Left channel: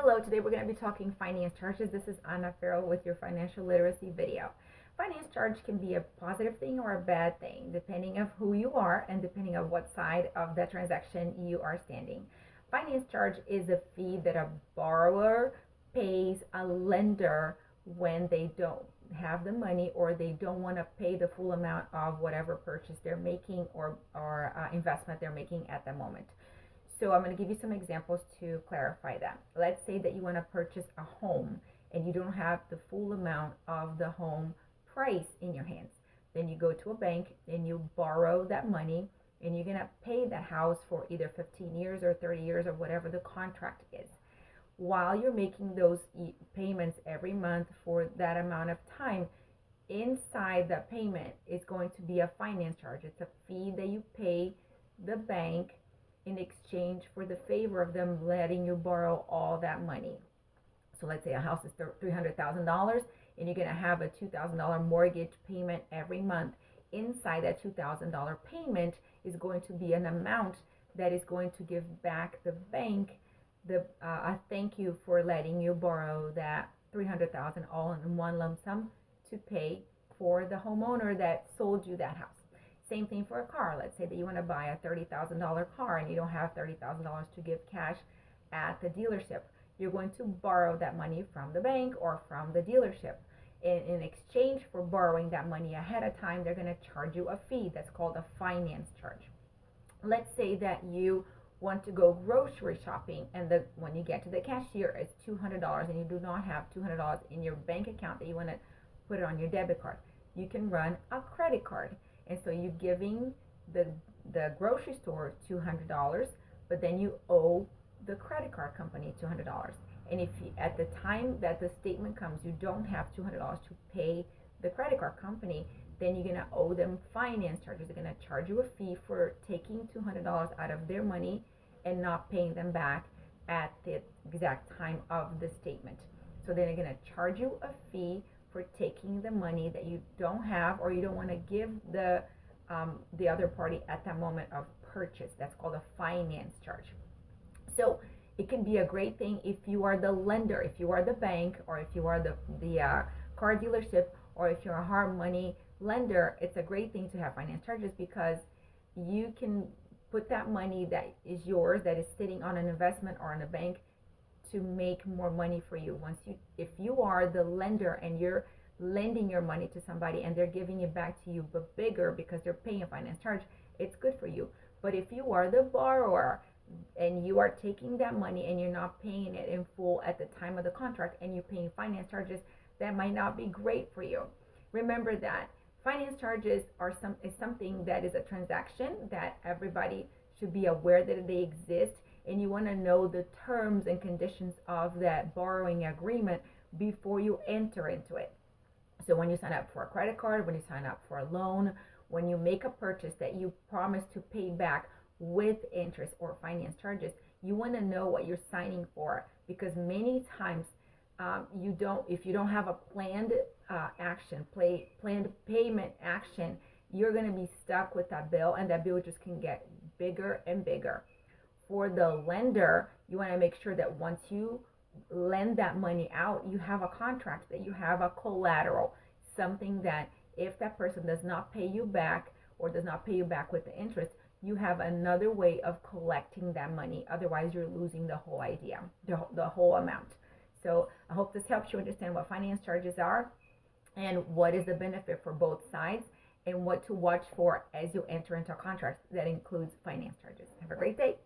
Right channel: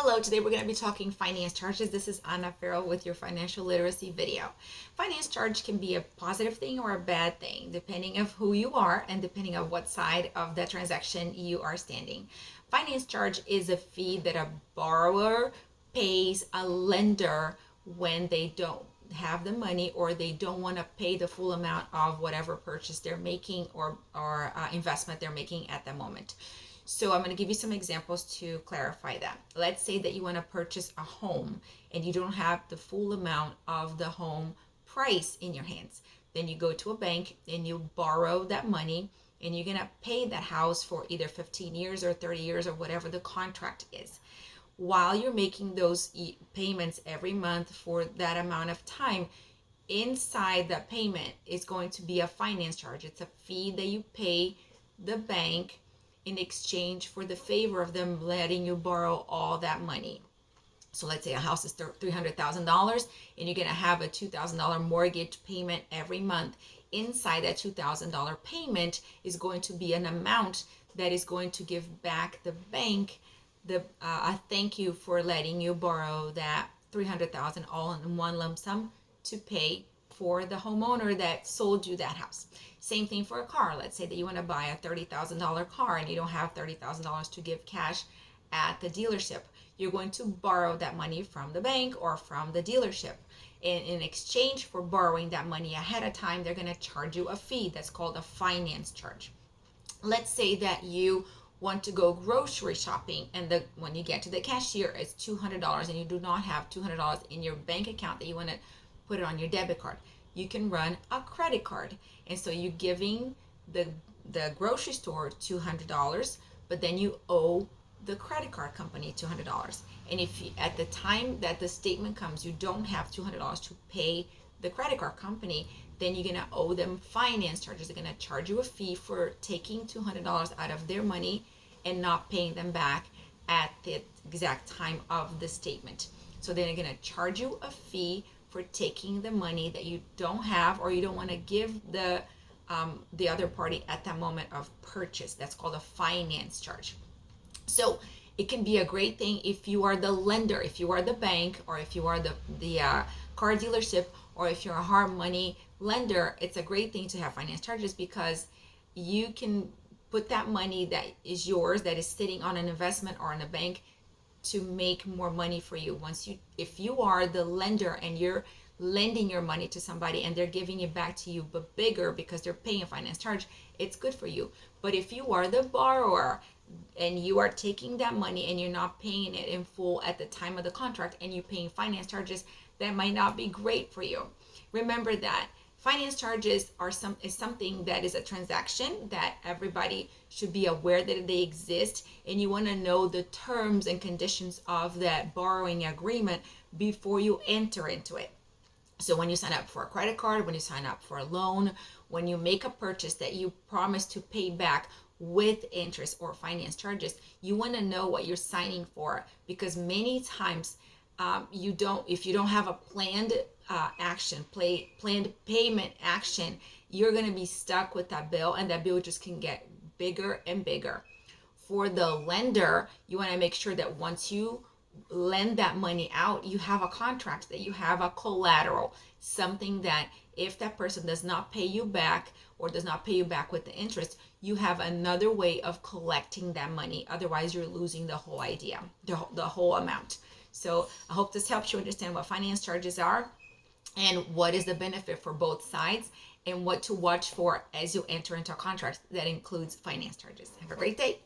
Hello, today we're going to be talking finance charges. This is Anna Farrell with your financial literacy video. Finance charge can be a positive thing or a bad thing, depending of who you are and depending on what side of the transaction you are standing. Finance charge is a fee that a borrower pays a lender when they don't have the money or they don't want to pay the full amount of whatever purchase they're making or investment they're making at the moment. So I'm going to give you some examples to clarify that. Let's say that you want to purchase a home and you don't have the full amount of the home price in your hands. Then you go to a bank and you borrow that money and you're going to pay that house for either 15 years or 30 years or whatever the contract is. While you're making those payments every month for that amount of time, inside that payment is going to be a finance charge. It's a fee that you pay the bank in exchange for the favor of them letting you borrow all that money. So let's say a house is $300,000 and you're going to have a $2,000 mortgage payment every month. Inside that $2,000 payment is going to be an amount that is going to give back the bank a thank you for letting you borrow that $300,000 all in one lump sum to pay for the homeowner that sold you that house. Same thing for a car. Let's say that you want to buy a $30,000 car and you don't have $30,000 to give cash at the dealership. You're going to borrow that money from the bank or from the dealership. And in exchange for borrowing that money ahead of time, they're going to charge you a fee that's called a finance charge. Let's say that you want to go grocery shopping and when you get to the cashier, it's $200 and you do not have $200 in your bank account that you want to put it on your debit card. You can run a credit card. And so you're giving the grocery store $200, but then you owe the credit card company $200. And if you, at the time that the statement comes, you don't have $200 to pay the credit card company, then you're gonna owe them finance charges. They're gonna charge you a fee for taking $200 out of their money and not paying them back at the exact time of the statement. So then they're gonna charge you a fee for taking the money that you don't have or you don't want to give the other party at that moment of purchase. That's called a finance charge. So it can be a great thing if you are the lender, if you are the bank, or if you are the car dealership, or if you're a hard money lender. It's a great thing to have finance charges because you can put that money that is yours, that is sitting on an investment or in a bank, to make more money for you. If you are the lender and you're lending your money to somebody and they're giving it back to you but bigger because they're paying a finance charge, it's good for you. But if you are the borrower and you are taking that money and you're not paying it in full at the time of the contract and you're paying finance charges, that might not be great for you. Remember that finance charges is something that is a transaction that everybody should be aware that they exist, and you want to know the terms and conditions of that borrowing agreement before you enter into it. So when you sign up for a credit card, when you sign up for a loan, when you make a purchase that you promise to pay back with interest or finance charges, you want to know what you're signing for, because many times if you don't have a planned planned payment action, you're going to be stuck with that bill, and that bill just can get bigger and bigger. For the lender, you want to make sure that once you lend that money out, you have a contract, that you have a collateral, something that if that person does not pay you back or does not pay you back with the interest, you have another way of collecting that money. Otherwise, you're losing the whole idea, the whole amount. So I hope this helps you understand what finance charges are and what is the benefit for both sides and what to watch for as you enter into a contract that includes finance charges. Have a great day.